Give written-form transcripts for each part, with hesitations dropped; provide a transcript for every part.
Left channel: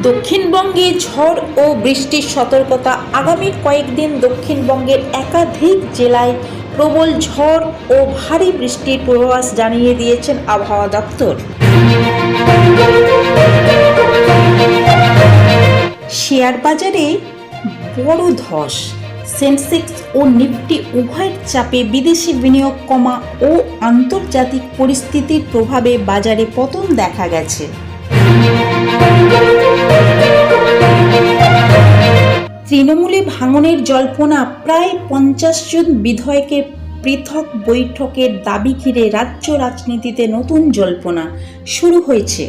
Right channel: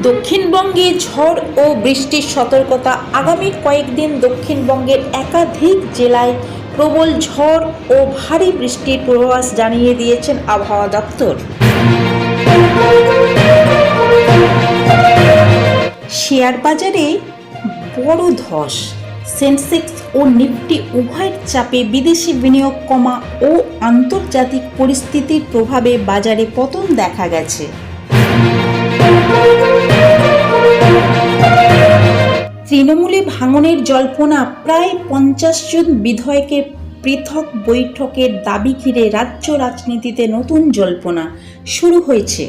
দক্ষিণবঙ্গে ঝড় ও বৃষ্টির সতর্কতা। আগামী কয়েকদিন দক্ষিণবঙ্গের একাধিক জেলায় প্রবল ঝড় ও ভারী বৃষ্টির পূর্বাভাস জানিয়ে দিয়েছেন আবহাওয়া দপ্তর। শেয়ার বাজারে বড় ধস, সেন্সেক্স ও নিফটি উভয়ের চাপে বিদেশি বিনিয়োগ কমা ও আন্তর্জাতিক পরিস্থিতির প্রভাবে বাজারে পতন দেখা গেছে। তৃণমূলে ভাঙনের জল্পনা, প্রায় 50 জন বিধায়কের পৃথক বৈঠকের দাবি ঘিরে রাজ্য রাজনীতিতে নতুন জল্পনা শুরু হয়েছে।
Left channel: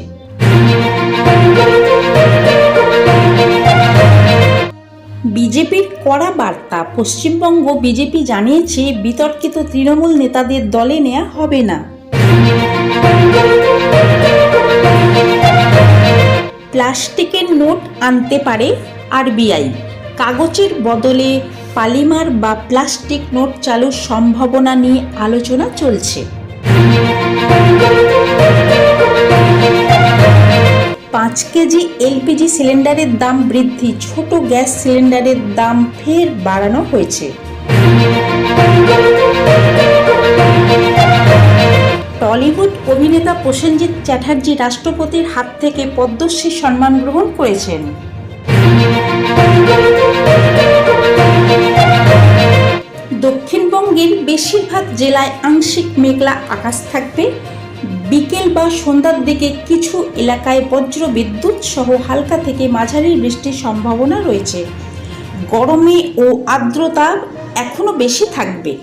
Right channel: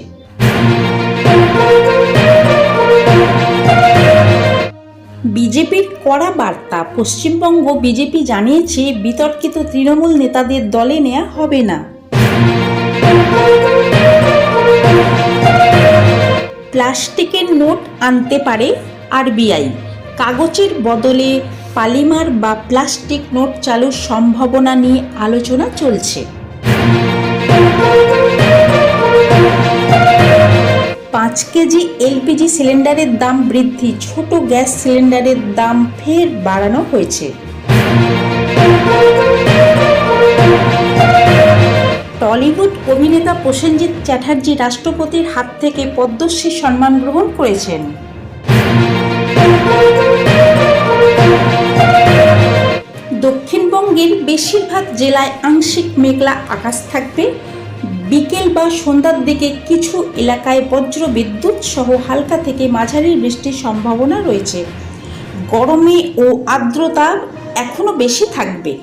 বিজেপির কড়া বার্তা। পশ্চিমবঙ্গ বিজেপি জানিয়েছে বিতর্কিত তৃণমূল নেতাদের দলে নেওয়া হবে না। প্লাস্টিকের নোট আনতে পারে আরবিআই। কাগজের বদলে পলিমার বা প্লাস্টিক নোট চালুর সম্ভাবনা নিয়ে আলোচনা চলছে। 5 কেজি এলপিজি সিলিন্ডারের দাম বৃদ্ধি, ছোট গ্যাস সিলিন্ডারের দাম ফের বাড়ানো হয়েছে। টলিউড অভিনেতা প্রসেনজিৎ চ্যাটার্জি রাষ্ট্রপতির হাত থেকে পদ্মশ্রী সম্মান গ্রহণ করেছেন। দক্ষিণবঙ্গের বেশিরভাগ জেলায় আংশিক মেঘলা আকাশ থাকবে। বিকেল বা সন্ধ্যার দিকে কিছু এলাকায় বজ্র বিদ্যুৎ সহ হালকা থেকে মাঝারি বৃষ্টির সম্ভাবনা রয়েছে। গরমে ও আর্দ্রতা এখনো বেশি থাকবে।